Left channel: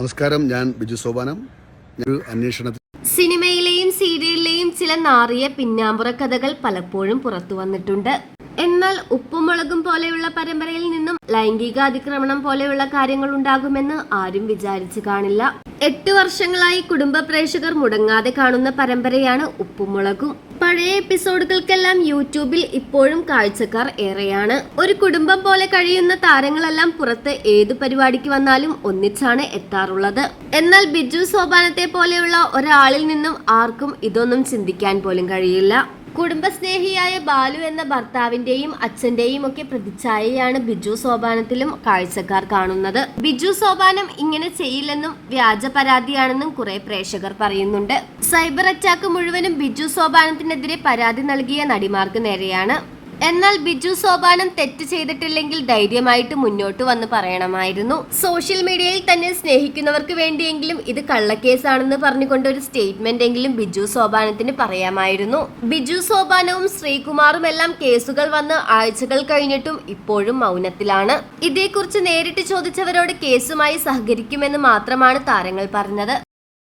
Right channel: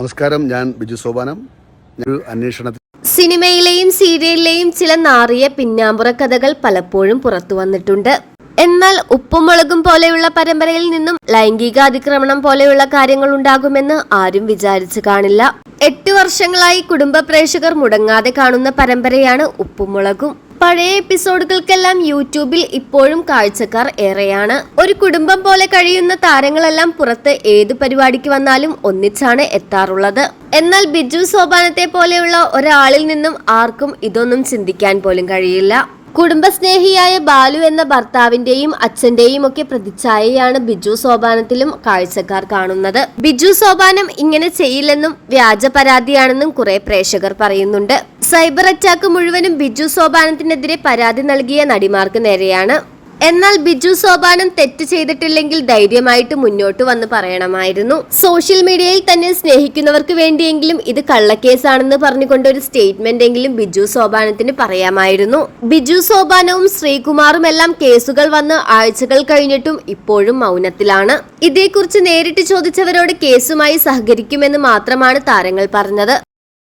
നമസ്കാരം, ഞാൻ ബിജു സോപാനം. ഒരു അന്വേഷണത്തിൽ സിനിമയിലെയും സീരിയലിലെയും ചില നാറിയ പിന്നാമ്പുറ കഥകൾ പലപ്പോഴും പുറത്തു വന്നിട്ടുണ്ട്. എന്നാൽ ഉപ്പും മുളകും പോലെയുള്ള പരമ്പരയിൽ നിന്നും ലൈംഗിക അതിക്രമണം പോലെയുള്ള കാര്യങ്ങൾ ഉണ്ടാകുമെന്ന് ആരും വിചാരിച്ചു കാണില്ല. 8 വർഷങ്ങളായി കുടുംബ പ്രേക്ഷകർ മുടങ്ങാതെ കാണുന്ന പരമ്പരയാണ് ഉപ്പും മുളകും. പഴയ എപ്പിസോഡുകൾക്കെല്ലാം യൂട്യൂബിൽ ഇപ്പോഴും കാഴ്ചക്കാർ ഏറെയാണ്. ഒരു കുടുംബം പോലെ കഴിയുന്ന താരങ്ങളെല്ലാം പുറത്ത് ഏതു പരിപാടിക്ക് വന്നാലും ഒന്നിച്ചാണ് എത്താറുള്ളത്. എന്നാൽ ബിജു സോപാനത്തെ പോലെയുള്ള ഒരാളിൽ നിന്നും ആർക്കും ഇതൊന്നും ചിന്തിക്കാൻ പോലും കഴിയില്ല. കുടുംബസ്നേഹിയായ ബാലു എന്ന ഭർത്താവിന്റെയും അച്ഛന്റെയും ഒക്കെ പ്രതിച്ഛായയാണ് ബിജു സോപാനത്തിലും കാഴ്ചക്കാർ കാണുന്നത്. ബിജു സോപാനം ഇങ്ങനെ ചെയ്യില്ലെന്നും വ്യാജ പരാതിയാണെന്നും കുറെ പ്രേക്ഷകർ പറയുന്നുണ്ട്. സൈബർ അറ്റാക്ക് മുഴുവനും ബിജു സോപാനത്തിനെതിരെ പരാതി നൽകിയ നടിമാർക്ക് നേരെയാണ്. എന്നാൽ ബിജു സോപാനം തെറ്റ് ചെയ്തിട്ടില്ലെങ്കിൽ ധൈര്യമായിട്ട് മുന്നോട്ട് വന്ന് പറയണമായിരുന്നു. സോഷ്യൽ മീഡിയയിൽ തന്നെ സ്നേഹിക്കുന്നവർക്ക് വേണ്ടിയെങ്കിലും ഇത് കള്ളക്കേസാണെന്ന് പറഞ്ഞുകൊണ്ട് ഒരു സ്റ്റേറ്റ്മെന്റ് എങ്കിലും ബിജു സോപാനത്തിന് പറയാമായിരുന്നു. ബിജു സോപാനവും ശ്രീകുമാറും എല്ലാം കേസുകൾ വന്ന് ആഴ്ചകൾ കഴിഞ്ഞിട്ടും ഇപ്പോഴും മൗനത്തിലാണ്. ഇതേക്കുറിച്ച് നേരിട്ട് ചോദിച്ചവരോട് കേസുമായി സഹകരിക്കുമെന്ന് മാത്രമാണ് താരങ്ങൾ പറഞ്ഞത്.